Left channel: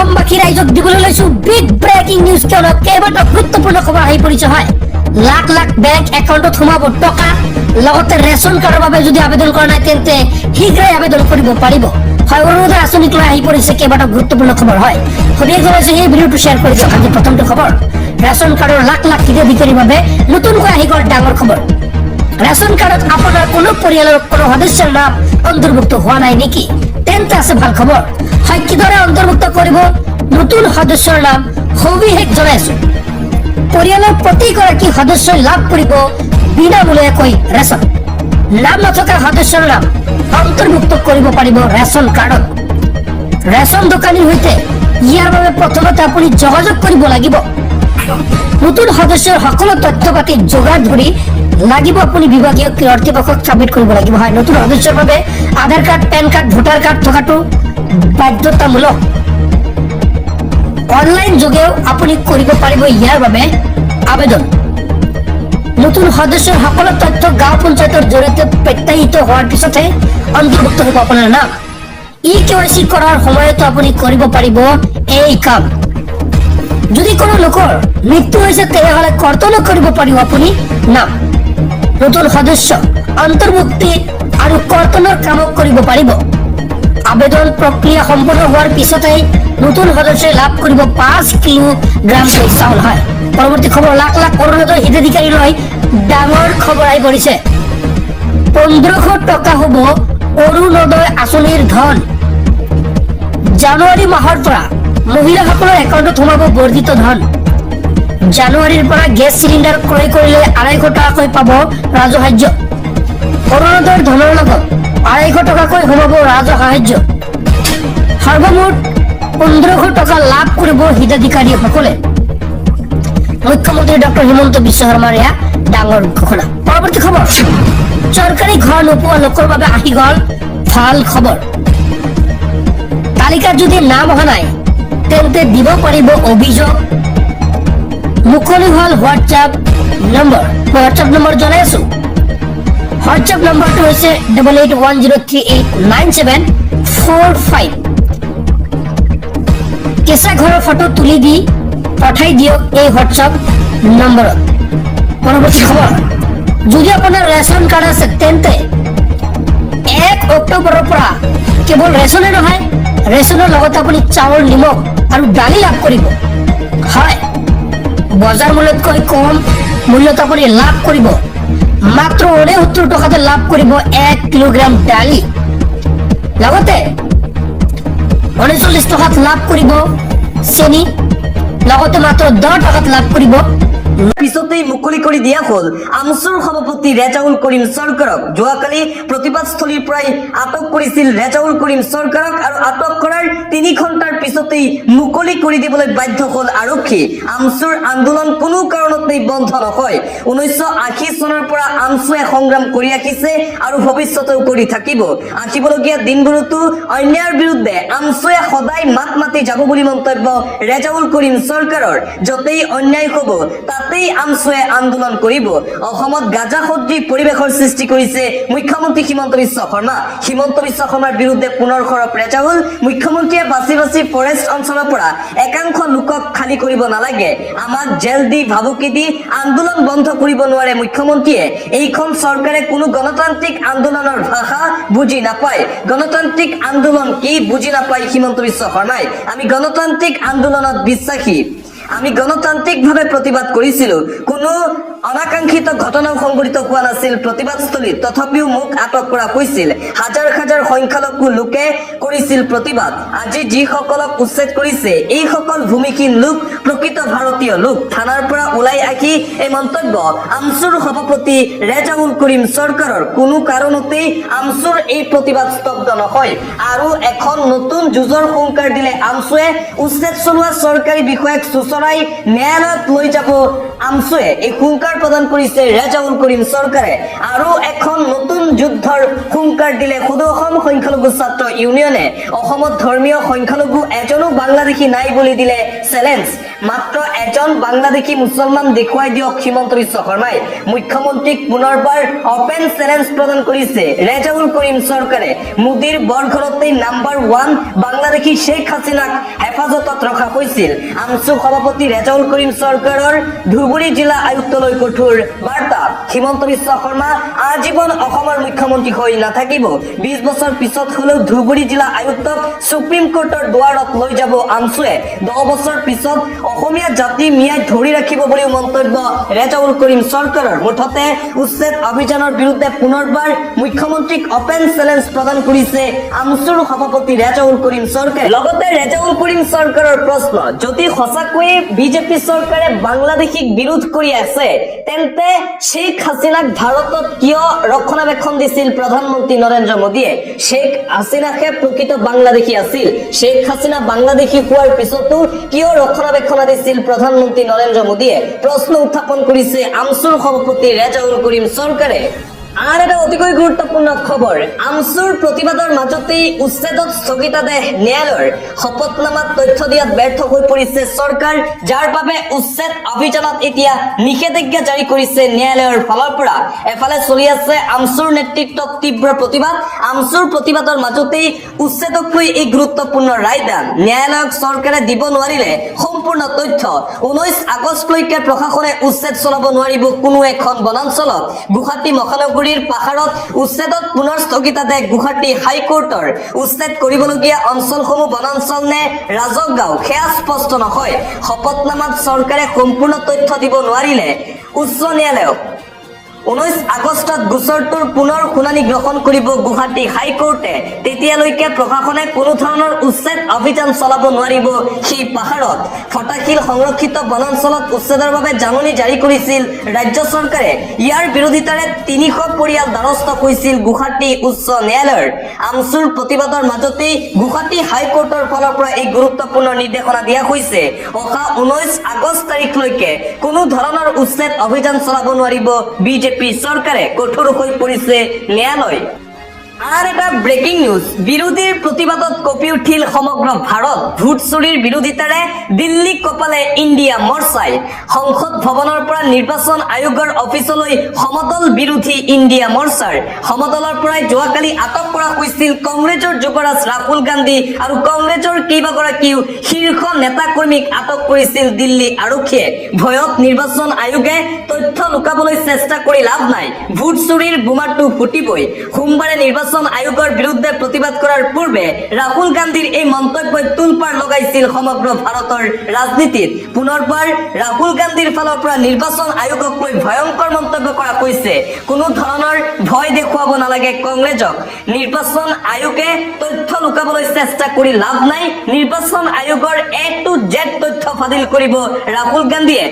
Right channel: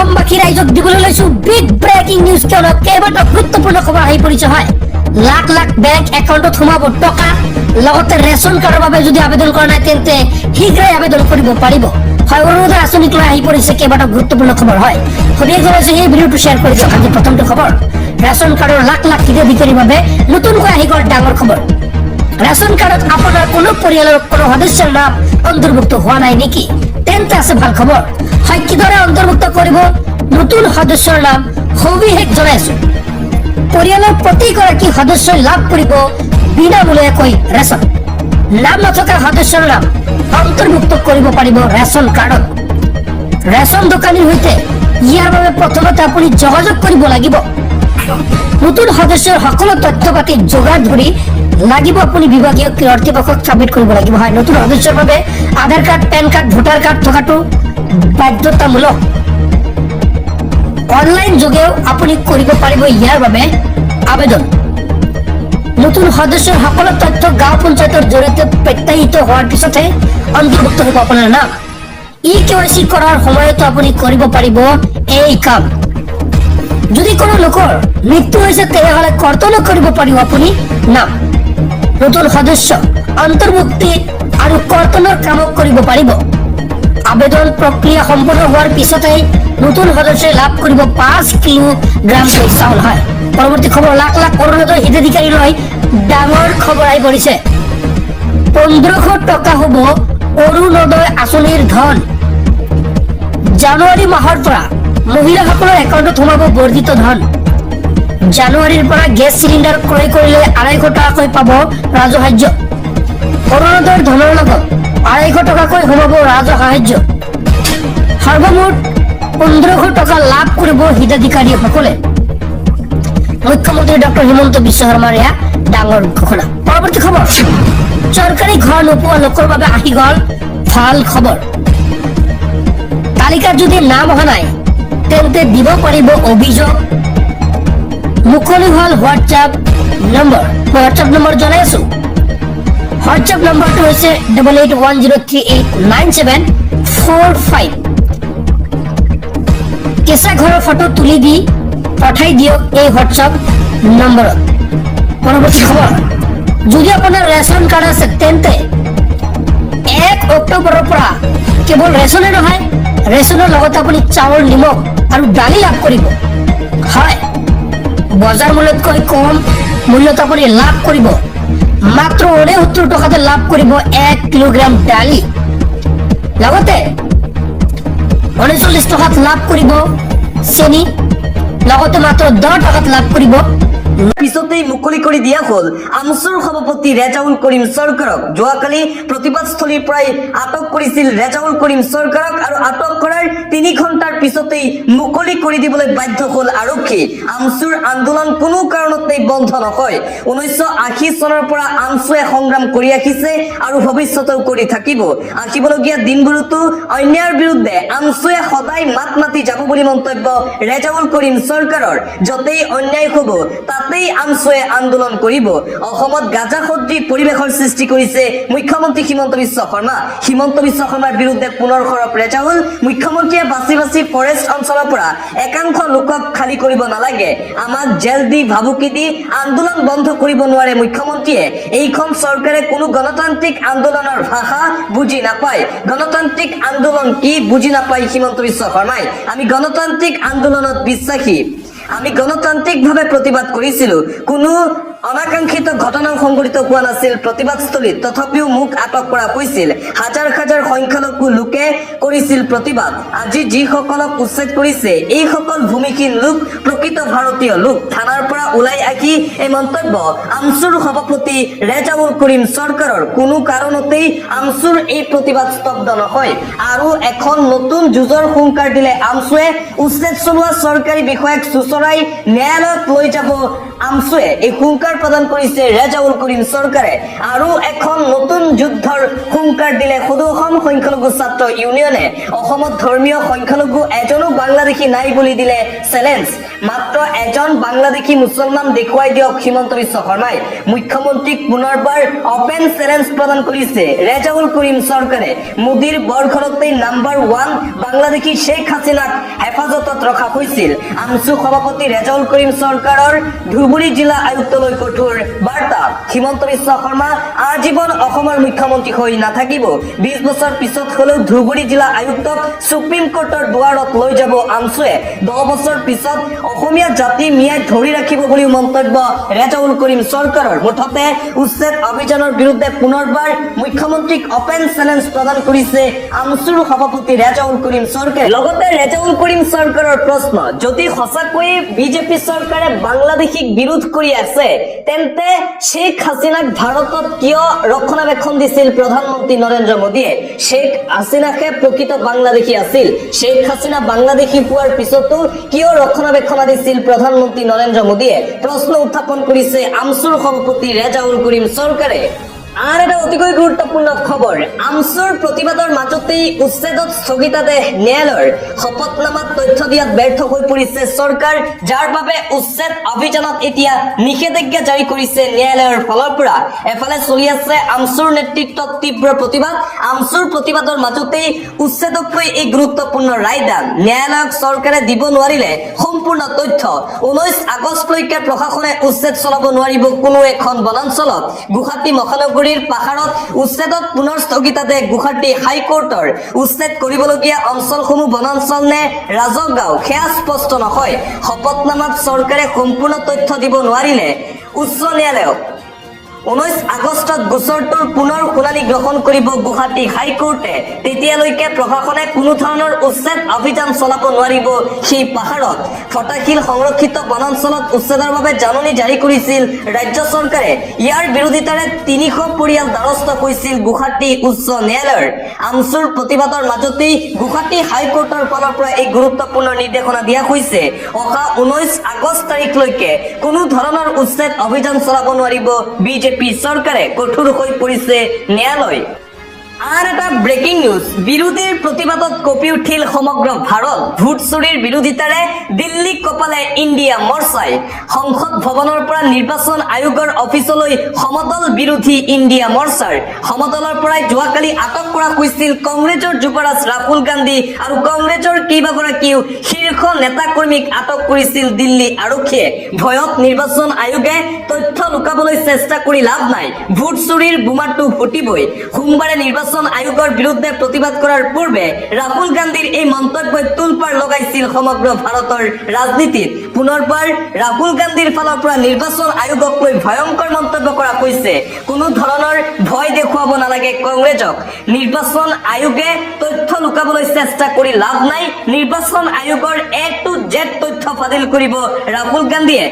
অসমবাসী ৰাইজক দিবলৈ লৈছো বিগ ব্ৰেকিং নিউজ। কিয়নো কেইবাটাও গুৰুত্বপূৰ্ণ খবৰ আহি পৰিছে। হয়, লাখ লাখ বেংক একাউণ্টত সোমাব টকা, লগতে ৰেচন কাৰ্ডৰ বাবে যদি আবেদন কৰা নাই তেন্তে শীঘ্ৰেই আবেদন কৰিব পাৰিব। হয়, অৰুণোদয় আঁচনিক লৈ আহি পৰিছে কেইবাটাও গুৰুত্বপূৰ্ণ খবৰ। হয়, সঠিক জনাইছো এই ভিডিঅ'টো শ্বেয়াৰ কৰি দিয়ক। আজি প্ৰথমটো খবৰ, ৰেচন কাৰ্ডৰ লাখ লাখ হিতাধিকাৰীৰ বাবে নতুনকৈ আহি গ'ল ডাঙৰ খবৰ। ৰেচন কাৰ্ডত আপোনাৰ কোনো পৰিয়ালৰ কোনো সদস্যৰ নাম অন্তৰ্ভুক্ত হোৱা নাই নেকি? তেন্তে আছে ভাল খবৰ। হয়, কিদৰে অন্তৰ্ভুক্ত কৰিব নতুন সদস্যৰ নাম সবিশেষ জনাইছো। পৰিয়ালৰ প্ৰতিগৰাকী সদস্যই লাভ কৰিব বিনামূলীয়াকৈ ৰেচন। নাম নথকা সদস্যৰ নাম অন্তৰ্ভুক্ত কৰিব পাৰিব ৰেচন কাৰ্ডত। ৰেচন দোকানীৰ সৈতে ইয়াৰ বাবে প্ৰথমতে আপুনি যোগাযোগ কৰিব লাগিব। নতুন সদস্যৰ সকলো তথ্য পাতি যোগাৰ ধৰি লাগিব আপুনি বিভাগীয় কৰ্তৃপক্ষক ছাবমিট কৰিব লাগিব। হয়, নতুন সদস্যৰ বাবে Aadhaar card, PAN card, voter card থকাটো বাধ্যতামূলক। অনলাইন যোগেও আপুনি কৰিব পাৰিব ইয়াৰ বাবে আবেদন। নতুন সদস্যৰ সকলো তথ্য গাঁও পঞ্চায়তৰ জৰিয়তে প্ৰত্যাহিত হোৱাৰ পিছতহে অন্তৰ্ভুক্ত হ'ব আপোনাৰ নাম। KYC কৰাৰ সময়তো আপুনি কৰিব পাৰিব এই কাম। যদি কোনো লোকৰ মৃত্যু হৈছে তেতিয়াহ'লে কৰ্তন কৰিব পাৰিব আপুনি নাম। নতুন সদস্য অন্তৰ্ভুক্তি আৰু কৰ্তনৰ কাম কৰিব পাৰিব। আবেদন প্ৰক্ৰিয়া সম্পূৰ্ণ হোৱাৰ পিছতেই নতুন সদস্যই লাভ কৰিব 5 কিলোগ্ৰাম চাউল। হয়, পৰৱৰ্তী খবৰ, লাখ লাখ অৰুণোদয় হিতাধিকাৰীলৈ ডাঙৰ খবৰ আহি পৰিছে। 1500 টকা হ'ব অৰুণোদয় আঁচনিৰ ধন। জানুৱাৰী মাহৰ পৰা মহিলাসকলৰ একাউণ্টত সোমাব বৰ্ধিত ধন। জানুৱাৰীৰ পৰা গেছ চিলিণ্ডাৰ ক্ৰয় কৰিলে 250 টকাকৈ পাব ৰাজসাহায্য। অৰুণোদয়ৰ ধনৰ লগত 250 টকাকৈ সোমাব ৰাজসাহায্য। সৰ্বমুঠ 1500 টকা লাভ কৰিব হিতাধিকাৰীসকলে। মুখ্যমন্ত্ৰী ডক্টৰ হিমন্ত বিশ্ব শৰ্মাৰ এয়া ডাঙৰ ঘোষণা। পৰৱৰ্তী খবৰ, চৰকাৰী ঘৰ নোপোৱা লোকৰ বাবে আহি গ'ল ভাল খবৰ। তালিকাত যদি নাম অহা নাই তেন্তে দিব পাৰিব অভিযোগ। মুকলি হ'ল হোৱাটছআপ নম্বৰ। মই হোৱাটছআপ নম্বৰ জনাই আছো। হোৱাটছআপ নম্বৰটো হৈছে 8810389745। কেঁচা ঘৰৰ ফটো তুলি দি পঠাই দিয়ক এই হোৱাটছআপ নম্বৰত। পৰৱৰ্তী খবৰ, যদি আপোনাৰ ৰেচন কাৰ্ড আছে তেন্তে 1 অক্টোবৰৰ পৰা কেৱল ৰেচনে নহয়, ৰেচনৰ লগতে আপুনি চাউল, নিমখ আৰু দালি লাভ কৰিব। হয়, বজাৰ মূল্যতকৈ কম মূল্যত আপুনি লাভ কৰিব। মাত্ৰ 69 টকাতে লাভ কৰিব 1 কিলোগ্ৰাম দালি। লগতে 39 টকাত লাভ কৰিব চেনি, লগতে মাত্ৰ 10 টকাত লাভ কৰিব। পিছতেই মুকলি কৰি দিয়া হ'ল আমচুৰ সভাপতি ৰেজাউল কৰিম চৰকাৰক। যোৱাকালি প্ৰতিবাদস্থলীৰ পৰাই আটক কৰিছিল ৰেজাউল কৰিম চৰকাৰক আৰু আটক কৰাৰ 3 ঘণ্টাৰ পিছতেই মুকলি কৰি দিবলৈ বাধ্য হ'ল আৰক্ষী। আমচুৰ আন্দোলন কোনো কাৰণতেই বন্ধ নহয়। 1980 চনৰ পৰা আমচুৱে সংগ্ৰাম কৰি আহিছে আৰু ভৱিষ্যতেও কৰি থাকিব। আহিবলগীয়া দিনবোৰতো অন্যায়ৰ বিৰুদ্ধে আমচুৱে সদায় মাত মাতি যাব বুলি মন্তব্য ৰেজাউল কৰিম চৰকাৰৰ। য'তেই অন্যায় হ'ব তাতেই আমচুৱে আন্দোলন কৰিব। অসমত গাজাসদৃশ পৰিৱেশৰ সৃষ্টি কৰিছে মুখ্যমন্ত্ৰী হিমন্ত বিশ্ব শৰ্মা। হিমন্ত বিশ্ব শৰ্মাৰ বিৰুদ্ধে পুনৰ সৰব ৰেজাউল। মুখ্যমন্ত্ৰীয়ে বাছি বাছি ফৰেষ্ট অঞ্চলৰ পৰা একাংশ লোকক খালী কৰিব নালাগে। আমাক জেল দি ভাবুকি দি আন্দোলন বন্ধ কৰিব নোৱাৰে মুখ্যমন্ত্ৰীয়ে। এইখন চৰকাৰে কোনো গণতান্ত্ৰিক আন্দোলনৰ ভাষা বুজি নাপায়। গণতান্ত্ৰিক আন্দোলন কি বুজি নাপায় হিমন্ত বিশ্ব শৰ্মাই। আমি গণতান্ত্ৰিক আন্দোলনত বিশ্বাসী। আমি গণতান্ত্ৰিকভাৱে প্ৰতিবাদ কৰিছিলো। কোনো অনাকাংক্ষিত ঘটনাও সংঘটিত হোৱা নাছিল প্ৰতিবাদস্থলীত। তথাপিও মোক আটক কৰা হৈছিল। হাজাৰ হাজাৰ সংখ্যালঘু লোকে কৰিছিল প্ৰতিবাদ। আজি যিসকলক উচ্ছেদ কৰিছে এইসকল ভূমিহীন লোক, প্ৰকৃত ভাৰতীয় লোক। থানাৰ পৰা ওলাই আহি এই মন্তব্য আমচুৰ সভাপতি ৰেজাউল কৰিম চৰকাৰৰ। কোনো কাৰণতেই আমচুৰ এই প্ৰতিবাদ স্তব্ধ নহয়। আৰু এখন নতুন যুঁজৰ হুংকাৰ দিলে আমচুৱে। উচ্ছেদ চলোৱা চৰকাৰী বিষয়াক চুচৰাই ন্যায়ালয়ত লৈ যাব আমচুৱে। এই হুংকাৰ প্ৰদান কৰিছে ৰেজাউল কৰিম চৰকাৰে। আৰু এখন নতুন যুদ্ধৰ হুংকাৰ দিলে সদৌ অসম সংখ্যালঘু ছাত্ৰ ইউনিয়নে। অসমত ধৰ্মীয় সংখ্যালঘু এজনো বাংলাদেশী নাই বুলি দিলে চেলেঞ্জ। মাত্ৰ এজন বাংলাদেশী মুছলমান দেখুৱাই দিয়ক হিমন্ত বিশ্ব শৰ্মাই মুখ্যমন্ত্ৰীক পুনৰবাৰ অপেন চেলেঞ্জ প্ৰদান কৰিছে ৰেজাউল কৰিম চৰকাৰে মোদীৰ বৰঘৰতেই নাম্বাৰ 1 বাংলাদেশী শ্বেখ হাছিনাক হেফাজতত ৰখা হৈছিল আমছু সভাপতি ৰেজাউল কৰিম চৰকাৰৰ ধুবুৰী জিলা আয়ুক্তলৈ কঠোৰ বাৰ্তা হিমন্ত বিশ্ব শৰ্মা আজীৱন অসমৰ মুখ্যমন্ত্ৰী হৈ নাথাকিব 20 বছৰ পিছত হলেও ধুবুৰী জিলা আয়ুক্তক সুপ্ৰিম কোৰ্টৰ দুৱাৰত লৈ যাব আমছুৱে 10 বছৰ পিছত অসমীয়া জাতি মিয়াই ধৰি ৰাখিব বুলি মন্তব্য ৰেজাউল কৰিম চৰকাৰৰ মুঠতে উচ্ছেদ অভিযানৰ বিৰুদ্ধে পুনৰবাৰ মুখ্যমন্ত্ৰীক অপেন চেলেঞ্জ প্ৰদান কৰিছে আমছুৰ সভাপতি ৰেজাউল কৰিম চৰকাৰে লগতে ৰেজাউল কৰিম চৰকাৰৰ প্ৰশ্ন যদি সঁচাকৈ বিজেপি চৰকাৰে বাংলাদেশীক বিৰোধ কৰি আছে তেন্তে শ্বেখ হাছিনাক ভাৰতত কিয় ৰক্ষণাবেক্ষণ দিছিল প্ৰধানমন্ত্ৰী নৰেন্দ্ৰ মোদীয়ে শ্বেখ হাছিনাহে প্ৰকৃত বাংলাদেশী আছিল শ্বেখ হাছিনা বাংলাদেশী হোৱাৰ পিছতো কিয় ৰক্ষণাবেক্ষণ দিছিল প্ৰধানমন্ত্ৰী নৰেন্দ্ৰ মোদীয়ে প্ৰশ্ন উত্থাপন কৰিছে আমছুৰ সভাপতি ৰেজাউল কৰিম চৰকাৰে আৰ এটা অতিকৈ গুৰুত্বপূৰ্ণ খবৰ আমছুৰ প্ৰতিবাদৰ মাজতেই উচ্ছেদত স্থগিতাদেশ ন্যায়ালয়ৰ শপতনামাত তথ্য দিয়াত ব্যৰ্থ হৈ পৰিছে চৰকাৰ যাৰ বাবে উচ্ছেদ অভিযানত এতিয়া নিষেধাজ্ঞা জাৰি কৰিছে ন্যায়ালয়ৰ ফালৰ পৰা এফালে চলি আছে আমছুৰ নেতৃত্বত তীব্ৰ প্ৰতিবাদ আমছুৰ প্ৰতিবাদৰ মাজতেই উচ্ছেদক লৈ এই গুৰুত্বপূৰ্ণ ৰায়দান ন্যায়ালয়ক চৰকাৰে দিব নোৱাৰিলে সম্পূৰ্ণ তথ্য 19 আগষ্টলৈকে প্ৰশাসনে উচ্ছেদ চলাব নোৱাৰিব কোনো এখন বনাঞ্চলত গুৱাহাটী মহানগৰীৰ পাহাৰত উচ্ছেদত পুনৰ স্থগিতাদেশ গুৱাহাটী হাইকোৰ্টৰ উচ্ছেদ কৰিবলগীয়া অঞ্চলসমূহ বনাঞ্চল নে ৰাজগাঁও সেয়া স্পষ্ট নহয় শপতনামাত চৰকাৰে সম্পূৰ্ণ তথ্য দিব নোৱাৰিলে উচ্চ ন্যায়ালয়ক 19 আগষ্টত গোচৰটোৰ পুনৰ শুনানি গ্ৰহণ কৰিব গুৱাহাটী হাইকোৰ্টে তেতিয়ালৈকে প্ৰশাসনে কোনো ধৰণৰ উচ্ছেদ অভিযান চলাব নোৱাৰিব সেই পাহাৰত ফটাশীল সংৰক্ষিত বনাঞ্চলত উচ্ছেদৰ বাবে জাননী জাৰি কৰিছিল ৰাজ্য চৰকাৰে ইয়াৰ বিৰোধিতাৰে 300 পৰিয়াল দ্বাৰস্থ হৈছিল গুৱাহাটী উচ্চ ন্যায়ালয়ৰ আমছুৰ প্ৰতিবাদৰ মাজতেই গুৱাহাটী হাইকোৰ্টৰ ফালৰ পৰা এই গুৰুত্বপূৰ্ণ নিৰ্দেশনা দিয়া হৈছে অহা 19 আগষ্ট তাৰিখলৈকে কোনো ধৰণৰ উচ্ছেদ অভিযান চলাব নোৱাৰিব বিজেপি চৰকাৰে কঠোৰ হৈ পৰিছে ন্যায়ালয় আৰ এটা ব্ৰেকিং নিউজ বিৰোধীৰ প্ৰতিবাদত কঁপি উঠিল সমগ্ৰ ভাৰত ভোট চুৰিৰ বিৰোধিতাৰে দিল্লী কপালে ইণ্ডিয়া মৰ্চাই সংসদ ভৱনৰ পৰা নিৰ্বাচন আয়োগৰ অফিচলৈ সমদল বিৰোধী ইণ্ডিয়া মৰ্চাৰ সমদলৰ পৰা যোৱাকালি আটক কৰা হৈছিল কংগ্ৰেছৰ যুৱৰাজ ৰাহুল গান্ধী আৰু কংগ্ৰেছৰ কেইবাগৰাকীও শীৰ্ষ নেতাকৰ্মীক আটক কৰিছিল দিল্লী আৰক্ষীয়ে ভয়ত নিৰ্বাচন আয়োগে তথ্য লুকাবলৈ চেষ্টা কৰি লাভ নাই ভোট চুৰিৰ বোমাটো ফুটিবই সোমবাৰে নিৰ্বাচন আয়োগৰ বিৰুদ্ধে প্ৰতিবাদ কৰাৰ পূৰ্বে ৰাহুল গান্ধীৰ এই মন্তব্যই তুলপাৰ লগাইছিল সমগ্ৰ ভাৰতৰ ৰাজনীতিত পুনৰবাৰ ৰাহুল গান্ধীৰ ফালৰ পৰা নিৰ্বাচন আয়োগক লৈ ভয়ংকৰ মন্তব্য কৰা হৈছে কোনো ধৰণৰ ভয় দেখুৱাব নালাগে কংগ্ৰেছক নিৰ্বাচন আয়োগে তথ্য লুকাবলৈ চেষ্টা কৰি লাভ নাই নিৰ্বাচন আয়োগৰ A to Z তথ্য ফাদিল কৰিব ৰাহুল গান্ধীয়ে